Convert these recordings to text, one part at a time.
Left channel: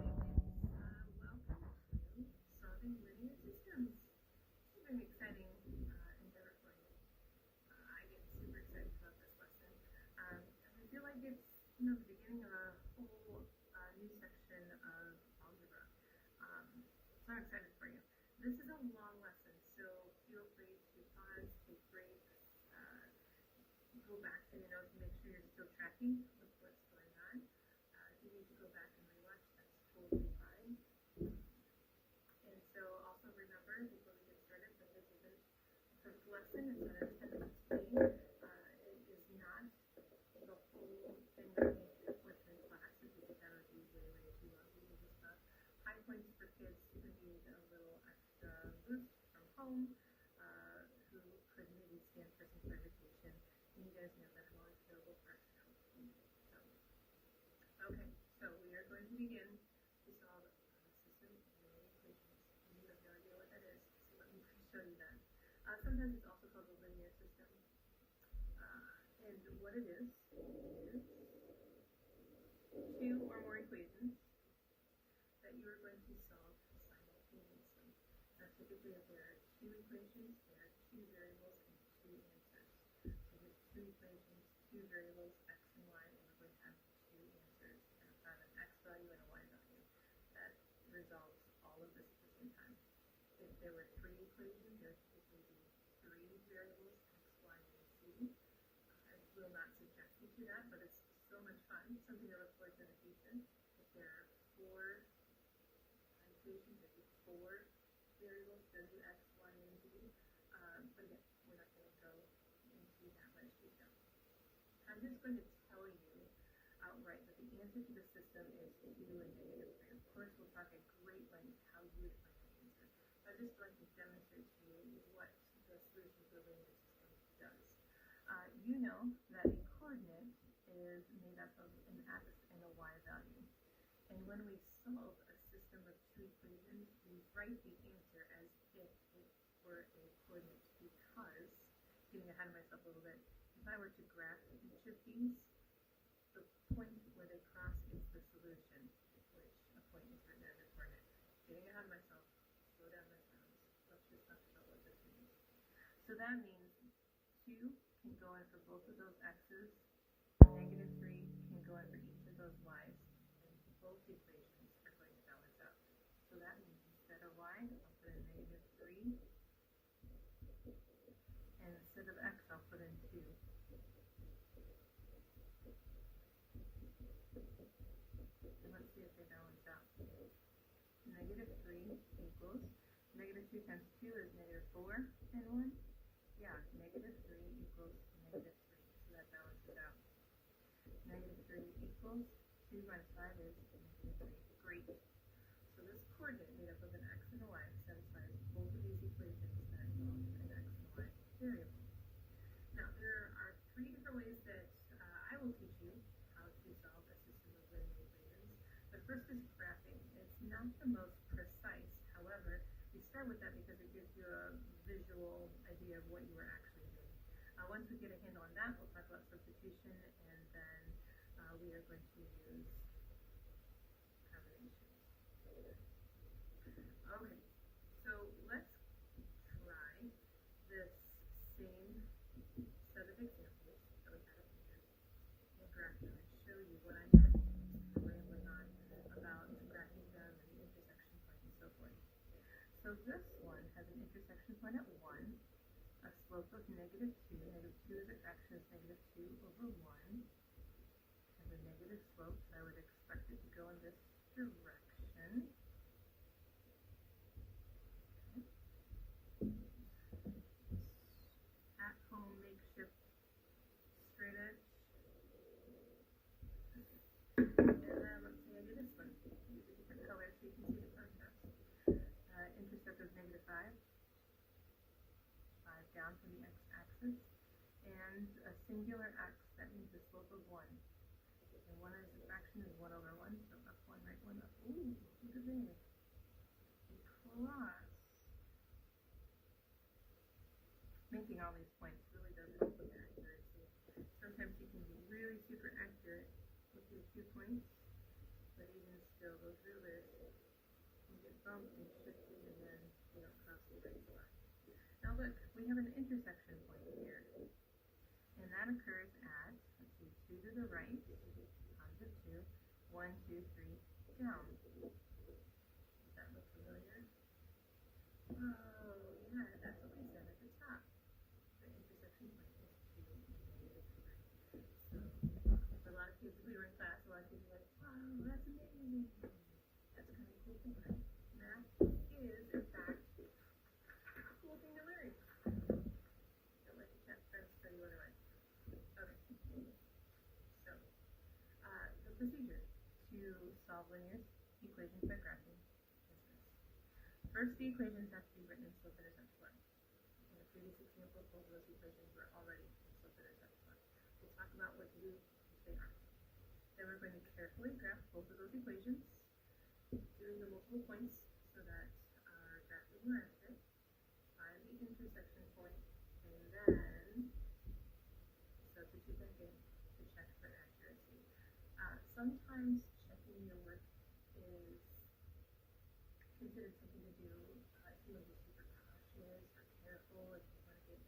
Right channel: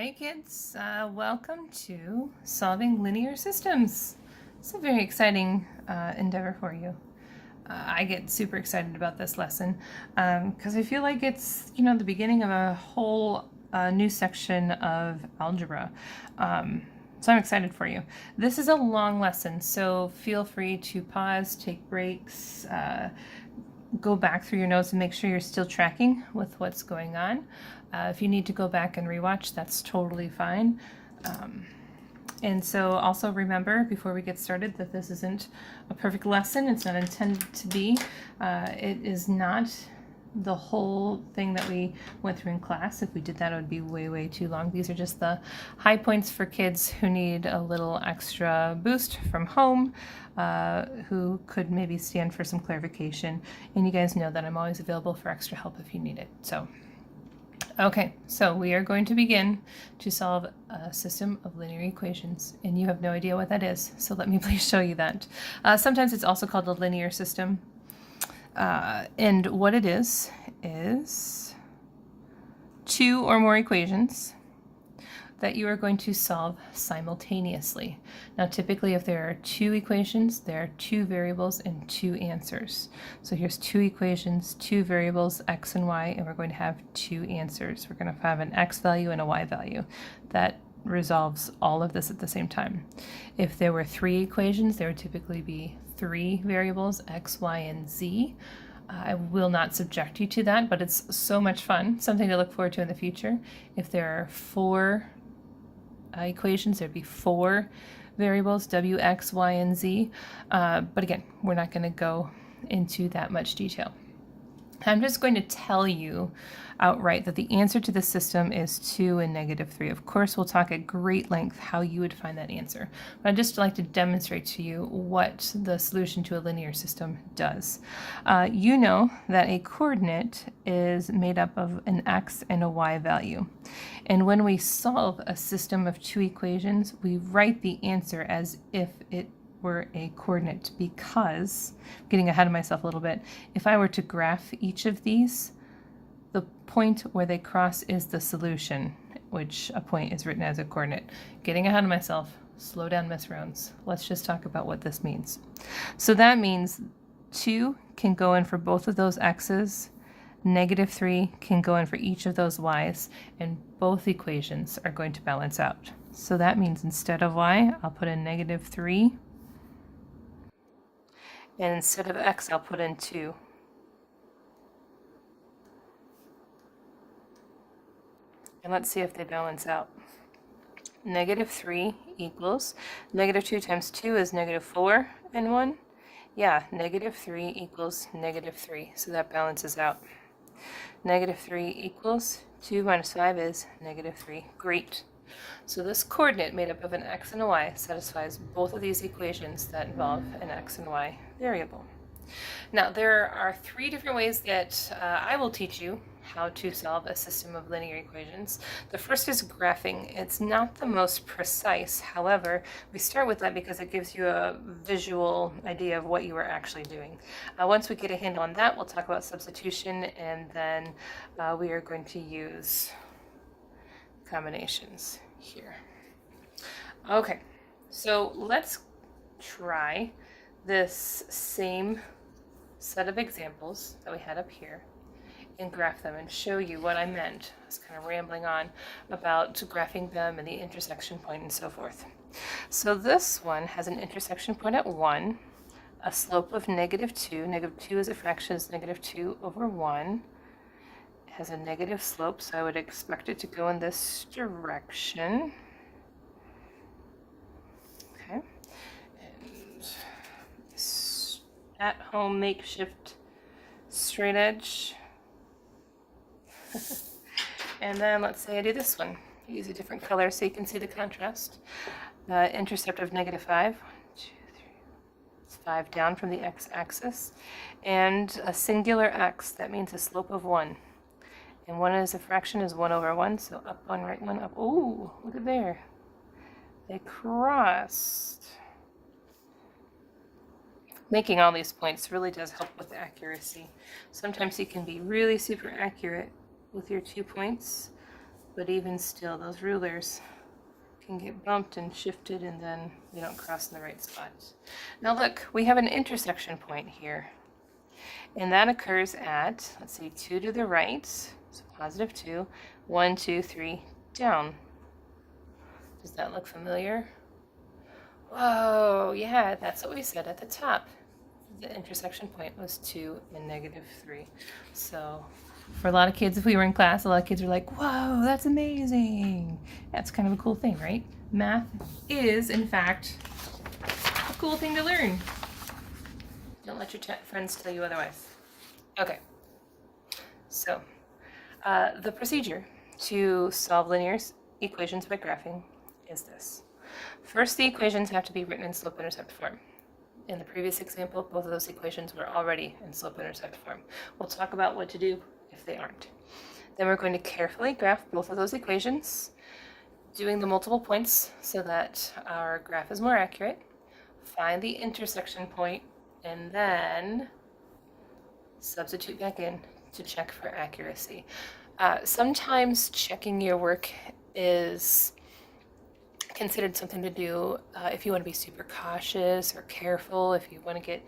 Hey kids, welcome to Solving Linear Systems. It's a very exciting endeavor for you. I get super excited about this lesson because I feel like it's, the beginning of a whole new section of algebra. So I'm excited for you. This is a long lesson, so feel free to pause, take breaks, go back through your notes and make sure you're still tracking with what's going on. If you need to go back and rewatch, that's totally fine. And so also remember, before we get started, that this isn't a perfect lesson. It's not intended to be. It is not the whole thing that we went through in class. If we did that, it would be way, way too long. These are just the high points for kids who need a little extra boost from home, who could maybe stand for some clarification. And you guys know that I'm always available for extra help if you need it. Okay, so we are going to begin to solve a system of linear equations, and you have no idea what that is, so let me please show you that. Sometimes it's also called a linear system, and what it is two or more equations that you are going to solve simultaneously. Now, typically, if there are two equations, there are two variables and two answers. So here's two equations, two variables, x and y, and we're going to have two answers. We're going to have an x value and a y value. That resolves all of this at the same time. If there were three equations, there would typically be three variables, x, y, and z. I will not subject you to that, but it's so much fun, something to look forward to in the future. If there are four equations, there'd be four variables, w, x, y, and z. But again, we're not going to go into that much detail. I'm just going to tell you outright that the answer to the system is 2 and -3. Of course, we'll talk at great length how you would find that answer. But I'd just like to demonstrate to you what the solution to a linear system does. You know that a coordinate is made up of an x and a y value. And when we solve a system of two equations, we write the answer as if it were a coordinate, because, getting ahead of myself a little bit, if I were to graph each of these, the point where they cross is the solution, which a point is written as a coordinate. Getting ahead of myself, slow down, Miss Rounds. Let's just talk about what this means. So that means 2 can go in for both of those x's, -3 can go in for each of those y's, and both equations are going to balance out. So that means instead of y, I'll put in -3, and instead of x, I'll put in 2. And let's see if they balance out. -3 equals, -2 times 2 is -4 and 1. Yeah, -3 equals -3, so that balances out. -3 equals 2 minus 5 is -3. Great. So this coordinate made up of an x and a y satisfies both of these equations that involve an x and y variable. Now, there are three different ways that I will teach you how to solve a system of linear equations. The first is graphing. It's not the most precise. However, we start with that because it gives you a visual idea of what you are actually doing. Once we get a handle on that, we'll talk about substitution, and then we are going to use combinations here. Okay, so let's try this same set of examples that we had up here and graph them and show you what I meant. I was kind of rambling on about graphing them and the intersection point and so forth. So this one has an intersection point at 1, a slope of -2. -2 is a fraction, is -2 over 1. It has a negative slope, so I would expect it to go in this direction. Okay. And this at-home makeshift straight edge. And then let's say I do this one. Use a different color so you can see the contrast. Intercept of -5. 1, 2, 3. It's 5 down from the x-axis. And a singular x, that means a slope of 1. And 1 is a fraction, is 1 over 1, so up 1, right 1, up. Ooh, look at there. They crossed. Making all these points really does help with accuracy. Sometimes you can be really super accurate with your 2 points, But even still, those rulers can get bumped and shifted, and then we don't cross in the right spot. Now look, we have an intersection point here. And that occurs at, let's see, 2 to the right, so positive 2, 1, 2, 3, down. Does that look familiar? Whoa, yeah, that's what we said at the top. The intersection point was 2 and negative 3. So for a lot of kids, if we were in class, a lot of kids were like, whoa, that's amazing. That's kind of a cool thing, right? Math is, in fact, a cool thing to learn. Don't let your friends tell you otherwise. Okay, so the procedure to solve linear equations by graphing is this. First, the equations have to be written in slope-intercept form. In the previous example, both of those equations were already in slope-intercept form. We'll talk about what to do if they aren't. Then we're going to carefully graph both of those equations, doing the multiple points so that our graph is more accurate. Find the intersection point, and then substitute back in to check for accuracy. Sometimes checking your work is considered something to do if you want to be super cautious or careful, if you want to get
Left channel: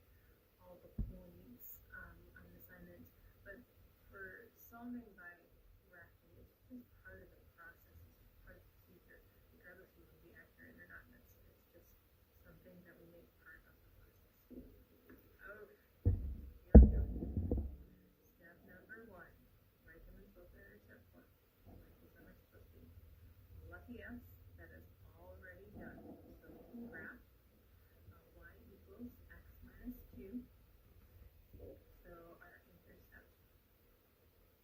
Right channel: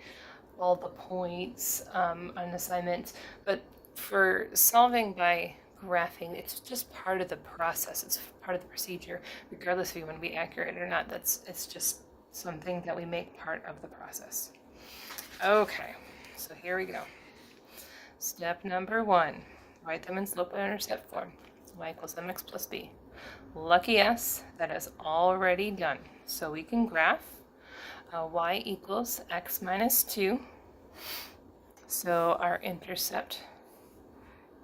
all the points on an assignment. But for solving by graphing, it's just part of the process. It's part of the procedure, regardless if you want to be accurate or not. It's just something that we make part of the process. Okay, so here we go. Step number 1, write them in slope-intercept form. Y equals mx plus b. Lucky us, that is already done. So we can graph y equals x minus 2. So our intercept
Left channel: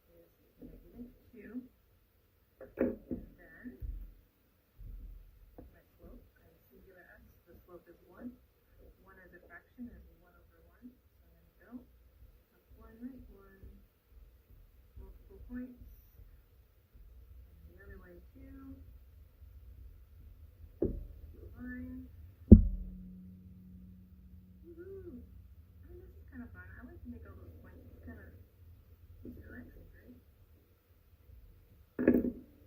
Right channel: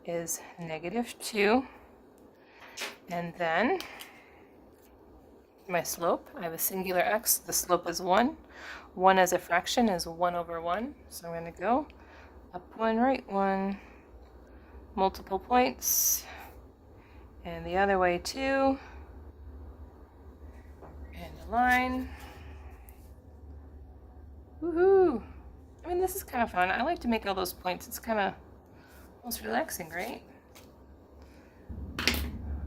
is negative 2. And then my slope, I have a singular x, the slope is 1. 1 as a fraction is 1 over 1. So I'm going to go up 1, right 1, multiple points, and the other way too, and a line. Woohoo! I mean, this is kind of fun. I like to make all those points. It's kind of almost relaxing, right?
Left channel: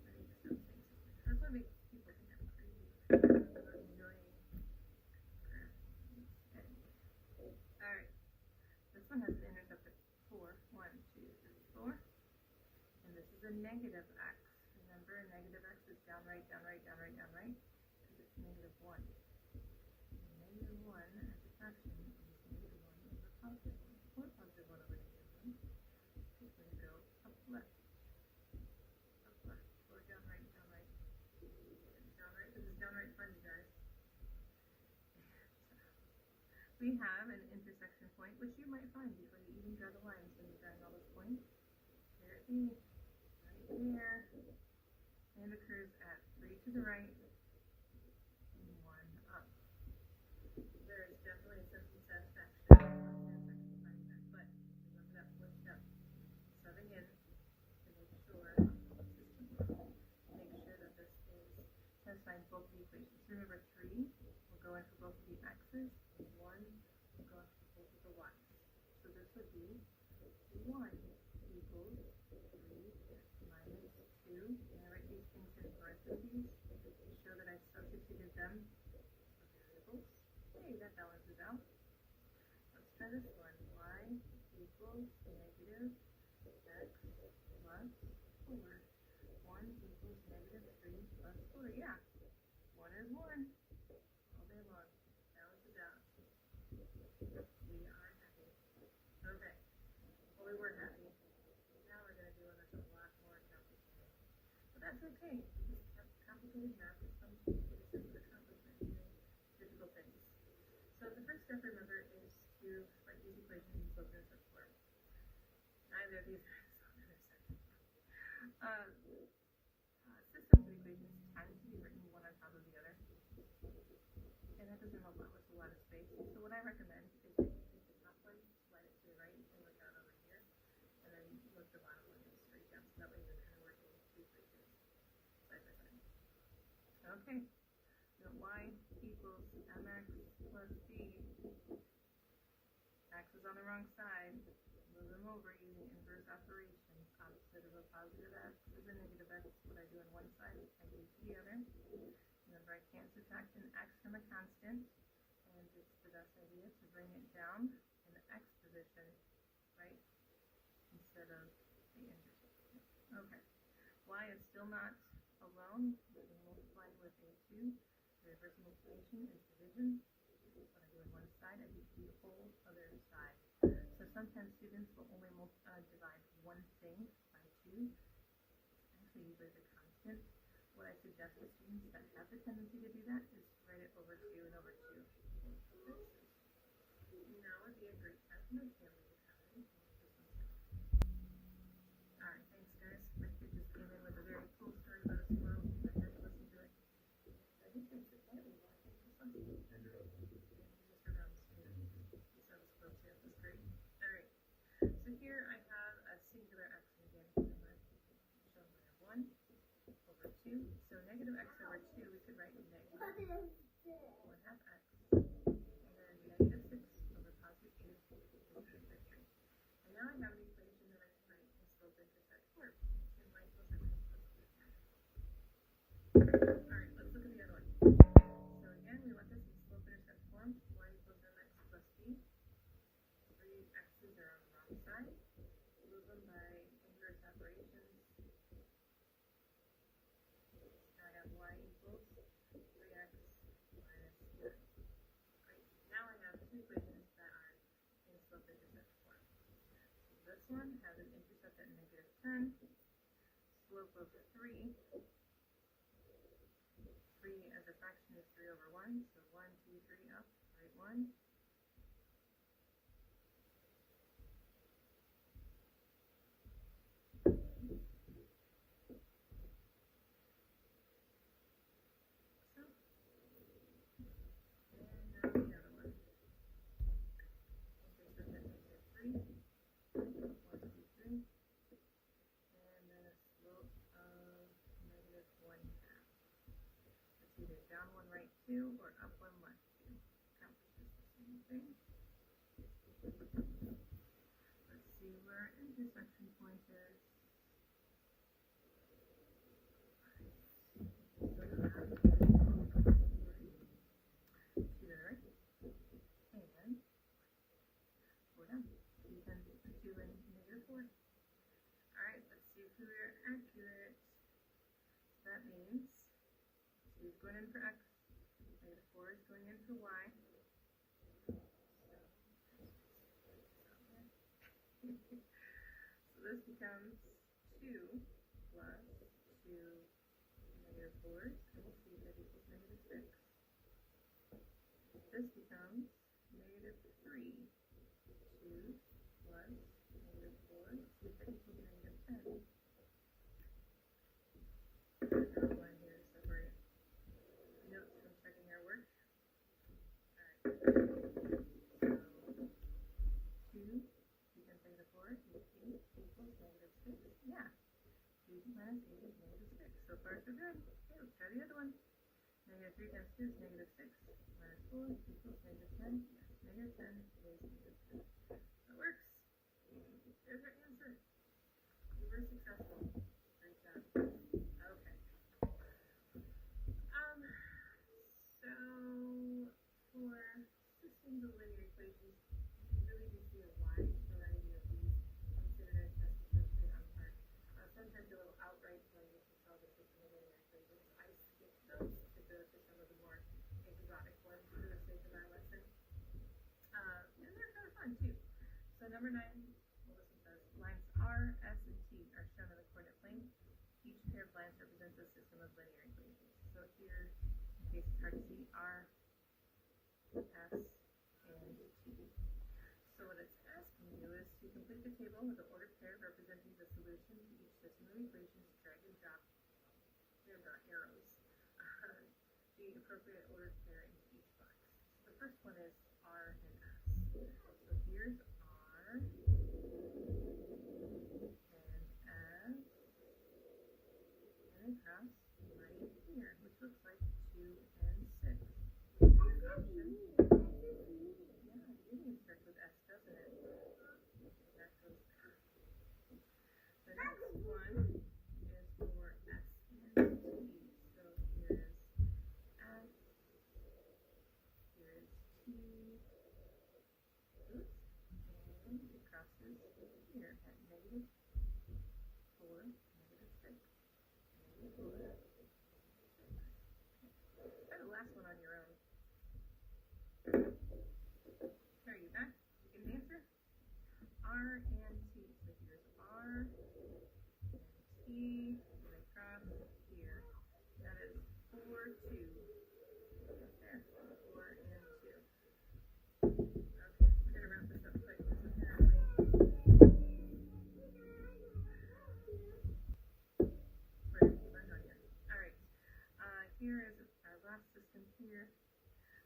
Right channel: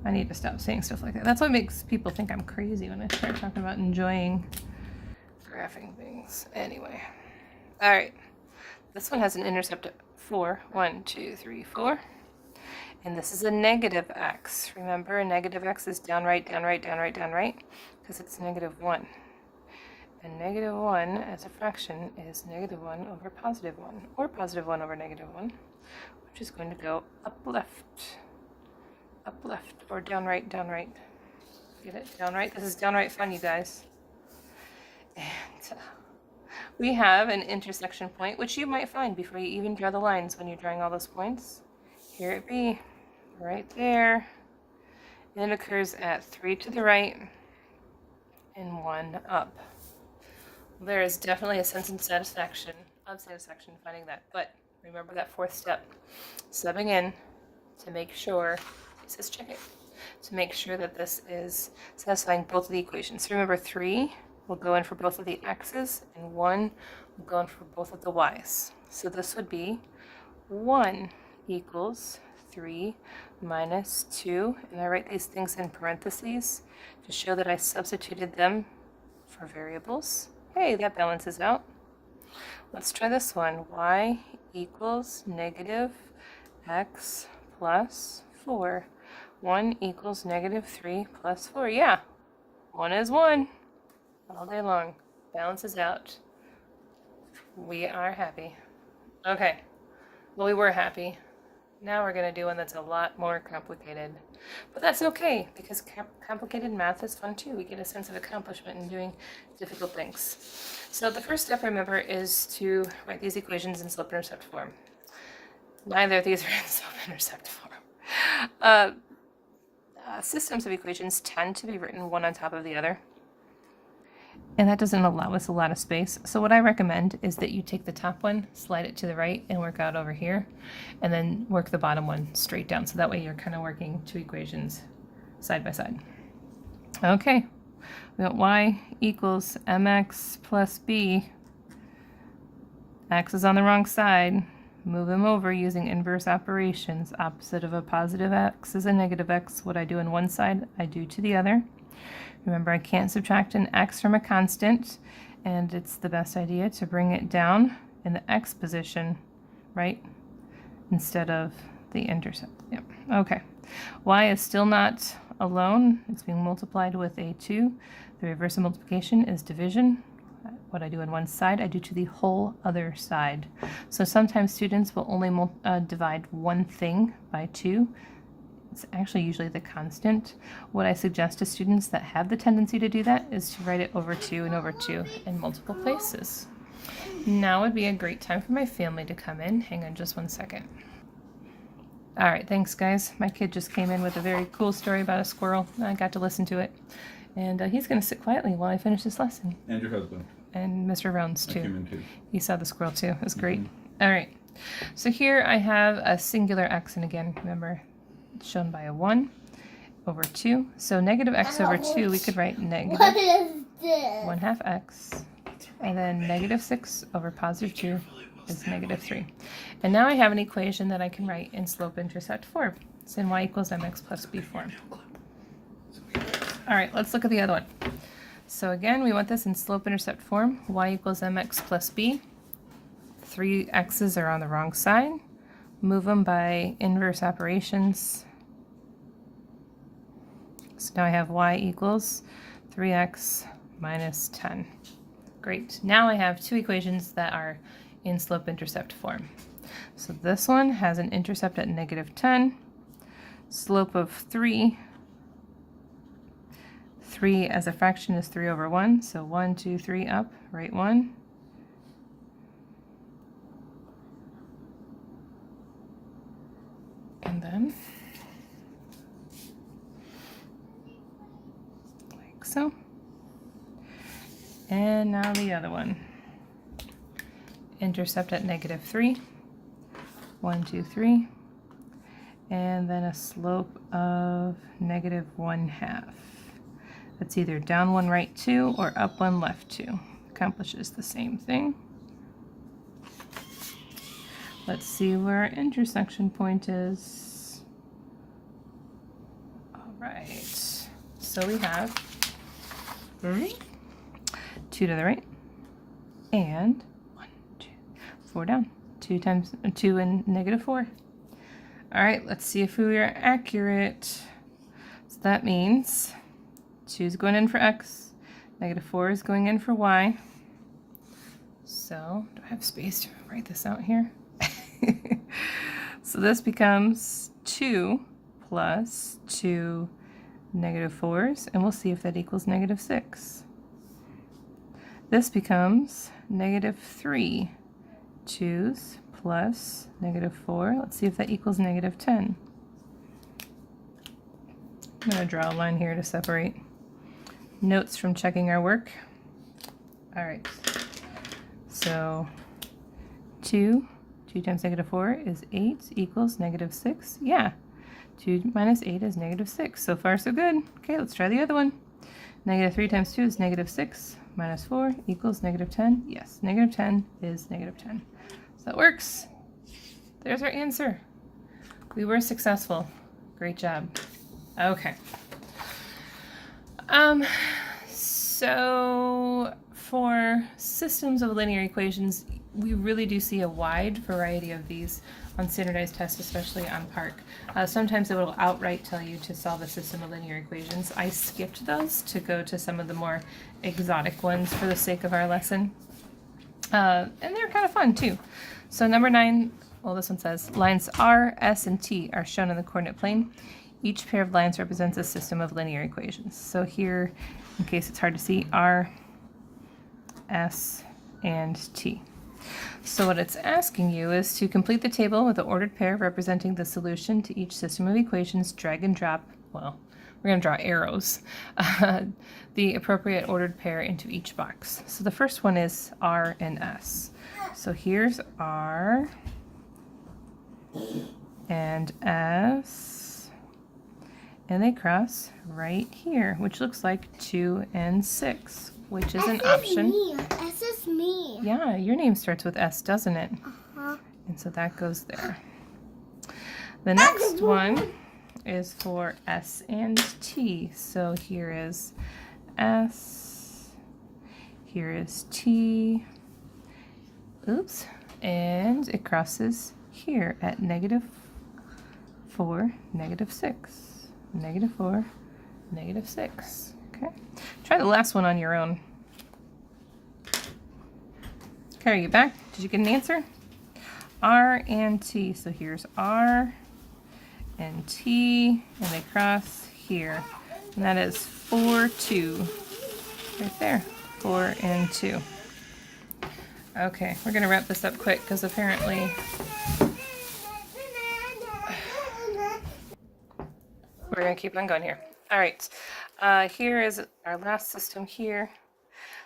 I need to stop saying stuff like that. That's what makes people think I'm crazy when I start talking about enjoying graphing things. Anyway, all right. This one has an intercept of 4. 1, 2, 3, 4. And this is a negative x. Remember, a negative x is down, right, down, right, down, right, down, right, because it's negative 1. And negative 1 as a fraction is negative 1 over positive 1, or positive 1 over negative 1, which is going to go up left, or down, right, down, right. Get it? Down, right? This is downright fun, you guys. And we have an intersection point, which you might find before you even draw the lines when you're drawing all those points. Here it be, right there. And it occurs at 3 to the right and 1 up. There is definitely a sense of satisfaction finding that. But remember that 4th step, subbing in to make sure, it says check it, to make sure that this is satisfying both of the equations. So remember 3 will go in for both of the x's, and 1 will go in for both of the y's. So this would be 1 equals 3 minus 2, and I write these things in parentheses to show that I substituted them for variables. Hey, that balances out. Let's try this one. Y equals negative x plus 4. 1 equals negative 3 plus 4. Yeah, 1 is 1. All day long. Balances out. We are happy. Okay. Well, we were happy. Now we're going to do one that's a lot more complicated. But that's okay, because complicated math is fun too. We get a sense of accomplishment in doing difficult things. So the first step, remember, is to write these equations in slope-intercept form. Neither of these are in slope-intercept form. Systems of equations tend to be written one on top of the other, and that doesn't allow us a lot of space. So what I recommend is that you take the top one, slide it to the right, and work out over here, and then work the bottom one straight down. So that way you're kind of working 2 equations side by side. Okay, we got y equals mx plus b. X is on the wrong side. move them over using inverse operations. Opposite of a positive x is a negative x. What I do on one side, I do to the other. Remember, I can't subtract an x from a constant, and it's the best idea to bring it down in the x position, right, instead of the intercept. Yep. Okay. Y is still not alone. It's being multiplied with a 2. The reverse of multiplication is division. What I do on one side, I do to the whole other side. So sometimes students will only divide one thing by 2. It's actually usually the constant. What I suggest to students that have the tendency to do that is to write it over 2 and over 2 in multiple places. Now would be a great time for my family to come in. Hang on just one second. All right, thanks guys. My kid just came in with a very cool story about a squirrel. I got to listen to it. And he's going to sit quietly while I finish this lesson. And your husband. And Mr. Rounds too. I came in too. He saw the squirrel too. It was great. All right. So here I have a singular x, and again, remember, it's shown by a 1 over 2. So negative x over 2, we could write negative 1/2 x. And then negative 6 over positive 2 is negative 3. And now I have an equation that I can write in slope-intercept form. It's in y equals mx plus b form. All right, let's look at the other one. So again, we want this in slope-intercept form. Y equals mx plus b. 3 x's are on the wrong side. Move them by inverse operations. So now I have y equals 3x minus 10. Great. Now I have 2 equations that are in slope-intercept form. So this one has an intercept at negative 10, slope of 3. 3 as a fraction is 3 over 1, so 1, 2, 3 up, right 1. And then, like so. And now the other one. Intercept at negative 3, 1, 2, 3. And then a slope of negative 1/2. That's either down 1 right 2 or up 1 left 2. Accomplishes the same thing. Let's see where our intersection point is. All right. So we have 2 to the right and 1, 2, 4 down. 2 and negative 4. All right, let's see if we are accurate. So that means 2 is going in for x, negative 4 is going in for y. So, do I have space to write this out here? So this becomes 2 plus 2 negative 4s, and we'll see if that equals negative 6. This becomes negative 3 2s plus negative 4. Let's see if that equals negative 10. I'm going to draw a line here to separate. Notes from checking our work. All right. So 2 times negative 4 is 8 equals negative 6. Yeah. 2 minus 8 is negative 6. So far, so good. Okay, let's try the other one. Negative 3 times 2 is negative 6. Minus 4 equals negative 10. Yes, negative 10 is negative 10. So that works. There's our answer. We were successful. Great job. Okay. So for systems of linear equations, we really do see a wide variety of these on standardized tests, especially on PARCC. Sometimes it will outright tell you to solve a system of linear equations. I skipped those to go to some of the more exotic ones for the sake of our lesson. And they're kind of fun too. So number 9, well, this one says, lines R, S, and T are shown in the coordinate plane. Each pair of lines represents a system of linear equations. So here, in case it's hard to see, R, S, and T. So what it's asking you is to complete the table with the ordered pair representing the solution to each system of equations, drag and drop, well, we're going to draw arrows, the appropriate ordered pair into each box. So the first one is R and S. So here's R and S, and they cross right here, which looks like 2 and 6, which is an option. S is me. Yeah, your name starts with S, doesn't it? Uh-huh. And so that goes there. The next one is for S and T. So here is S, here is T, oops, and it crosses here at -4, -6, -4, -6. Okay, try the last one on your own. Okay, are you back? Did you get an answer? R and T. So here's R and T, and they cross here. And that is 4, 2. Right there. 4 and 2. Okay, we're going to wrap this up quick because apparently we're going to keep on going here. All right, here is our last system here.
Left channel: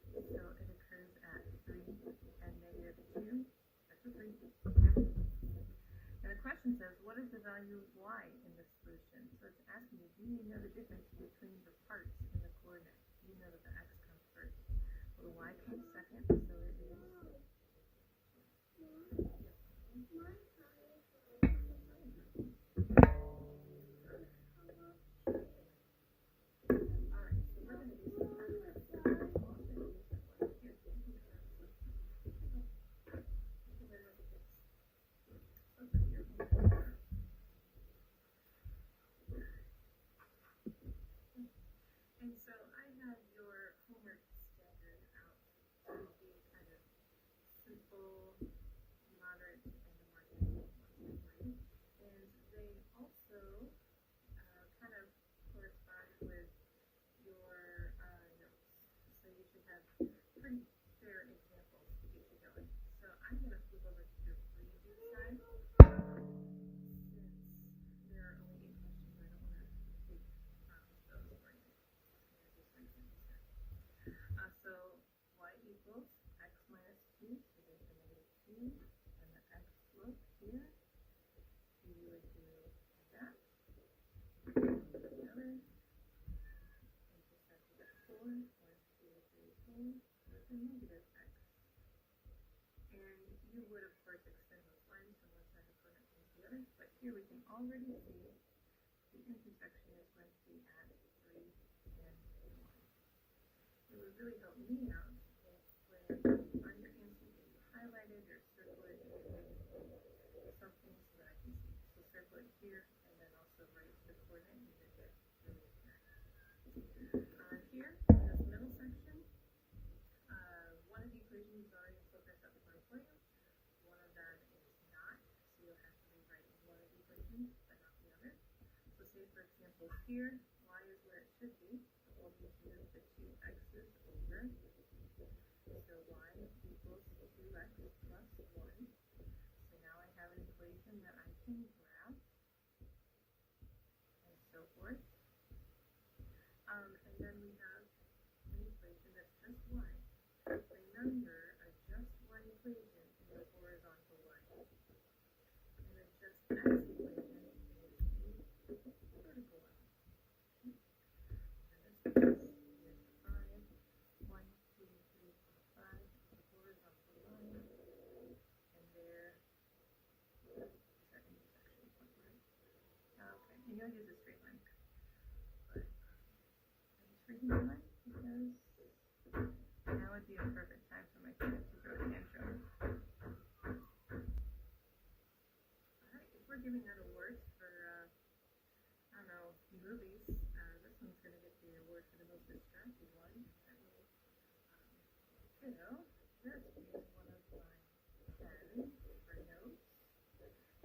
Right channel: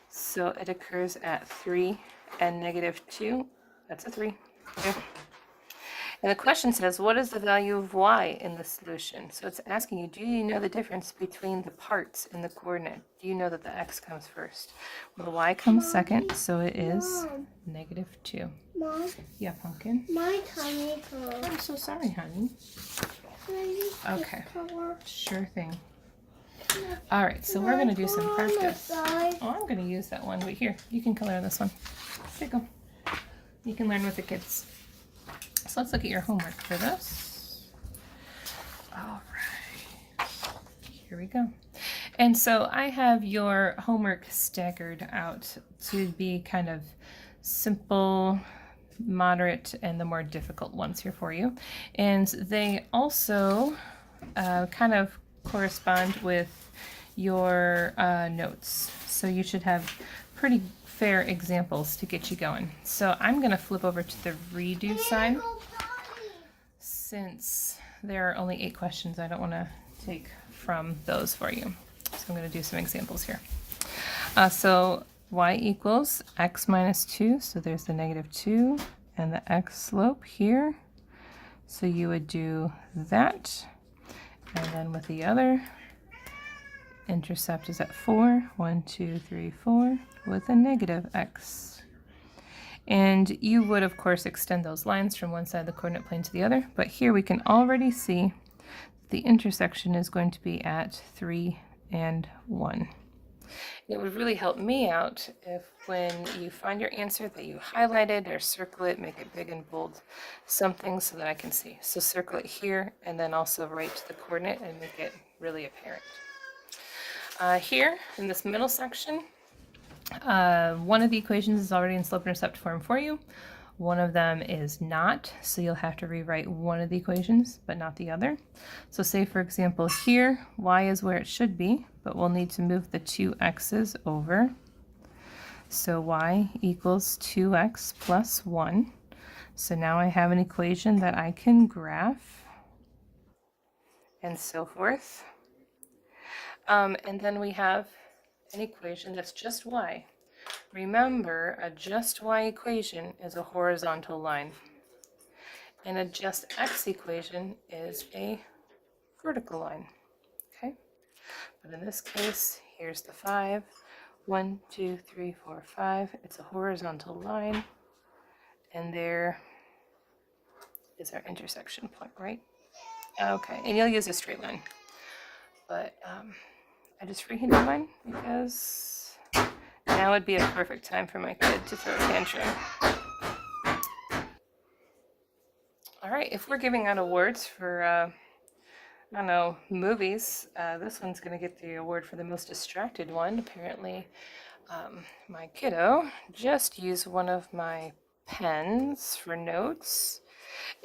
So it occurs at 3 and -2. That's a 3. Okay. And the question says, what is the value of y in the solution? So it's asking you, do you know the difference between the parts in the coordinate? Do you know that the x comes first? Well, the y comes second, so it is -2. Mom, Yeah, Pumpkin? my tummy hurts. I'm so sorry, honey. Okay, sure thing. All right, so we're going to do some practice. Oh, I'm going to use that one, but here, you can color this one. There you go. You can learn with the kids. So let's look at your homework for this. All right, here we go. And so I have your homework staggered out to be kind of simple, moderate, and the more difficult ones here for you. And they also kind of correspond with your notes. So you should have pretty fair examples to get you going. So I'm going to flip over to the redo side. Since there are only 8 questions, I don't want to take from those for you. So I'm going to do some examples here. So y equals x minus 2. So there's the -2 and the x slope here. So you would do that. And then with the other, intercept is at 4. 1, 2, 3, 4 with a -x. And you would, of course, extend those lines from one side of the coordinate plane to the other. But here we can already see the intersection is going to be at 3 and 1. It would really help me out if when you find your answer that you highlight it or circle it, make it big and bold, something so that I can see. So circle it here and then also write the coordinate and make it really apparent. Here in this middle section, one of the equations is already in slope-intercept form for you. One of them is not, so you'll have to rewrite one of the equations, but not the other. So say, for example, here, y is where it should be, but we'll need to move the 2 x's over. So y equals 2x plus 1. So now I have an equation that I can graph, and so forth. And then we have an equation that's just y. Remember, a just y equation is a horizontal line, and a just x equation is a vertical line. Okay, but in this case, here's the 5. 1, 2, 3, 4, 5. It's a horizontal line, and there is our intersection point, right? Okay, and you'll use a straight line, but I just freehanded mine because now would be a perfect time for my kid to throw a tantrum. All right, if we're giving out awards for, I don't know, movies, this one's going to get the award for the most distracted one. Apparently, my kiddo just used one of my pens for notes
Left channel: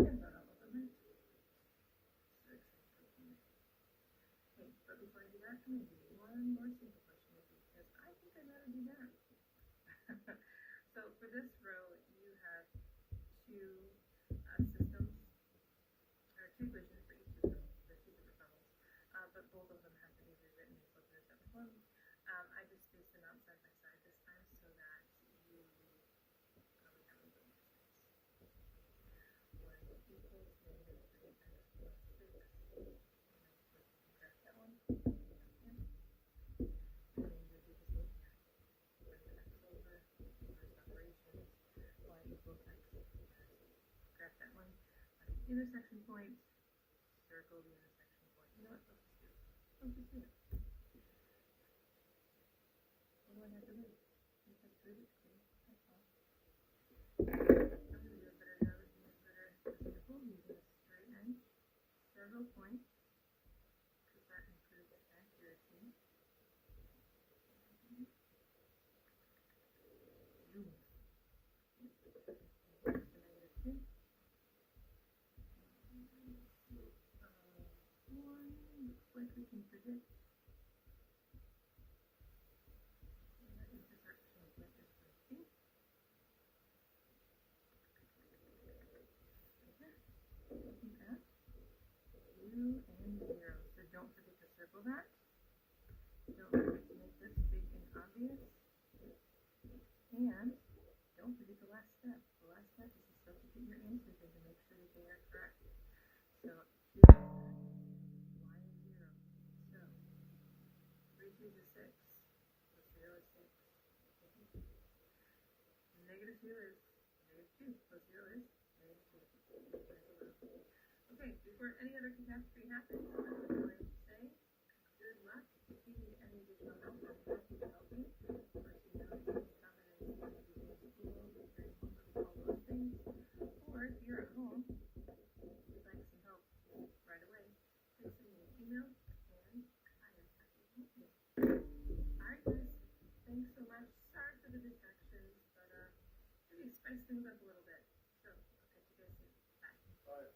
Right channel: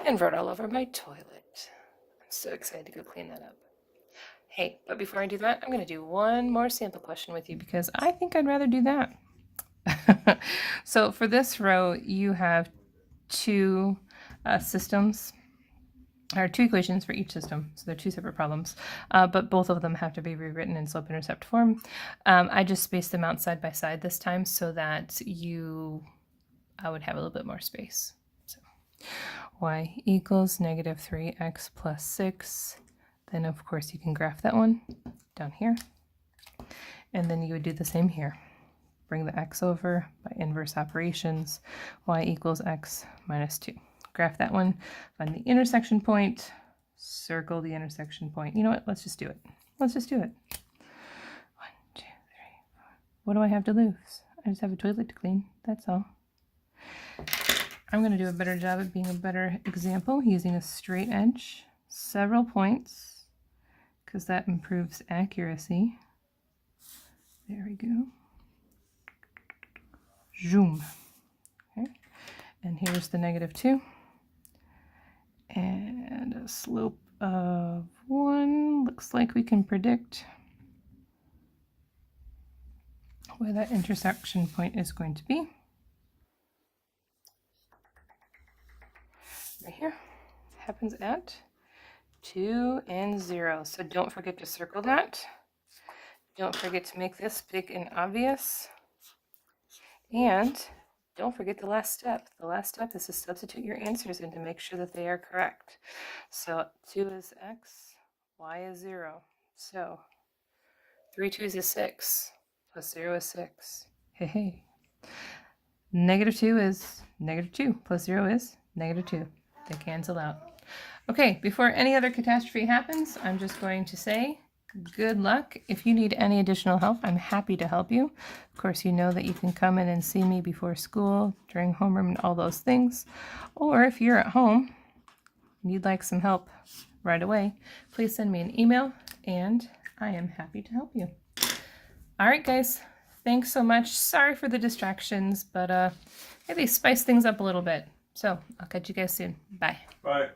and wrote all over my toilet. I'm so excited to go clean that up. Hey, but before I do that, I'm going to do one more sample question with you because I think I'd rather do that. So for this row, you have 2 systems, or 2 equations for each system. So they're 2 separate problems, but both of them have to be rewritten in slope-intercept form. I just spaced them out side by side this time so that I would have a little bit more space. So y equals -3x plus 6. Then, of course, you can graph that one down here. And then you would do the same here. Bring the x over by inverse operations. Y equals x minus 2. graph that one, find the intersection point, circle the intersection point. You know what? Let's just do it. Let's just do it. 1, 2, 3, 4. What do I have to lose? I just have a toilet to clean. That's all. I'm going to do a better job of being a better example using a straight edge, several points, because that improves accuracy. There we go. Zoom. Okay. And here's the -2. And a slope of 1. Looks like we can predict where that intersection point is going to be. Right here. It happens at 2 and 0. So don't forget to circle that. Don't forget to make this big and obvious. And don't forget the last step. The last step is to substitute your answers in to make sure that they are correct. So 2 is x, y is 0. So 3 2s is 6, plus 0 is 6. Hey, hey. -2 is -2, plus 0 is -2. They cancel out. Okay, before any other catastrophe happens, I'm just going to say good luck. If you need any additional help, I'm happy to help you. Of course, you know that you can come in and see me before school, during homeroom, and all those things. Or if you're at home and you'd like some help right away, please send me an email and I am happy to help you. All right, guys, thanks so much. Sorry for the distractions, but maybe spice things up a little bit. So I'll catch you guys soon. Bye. Bye.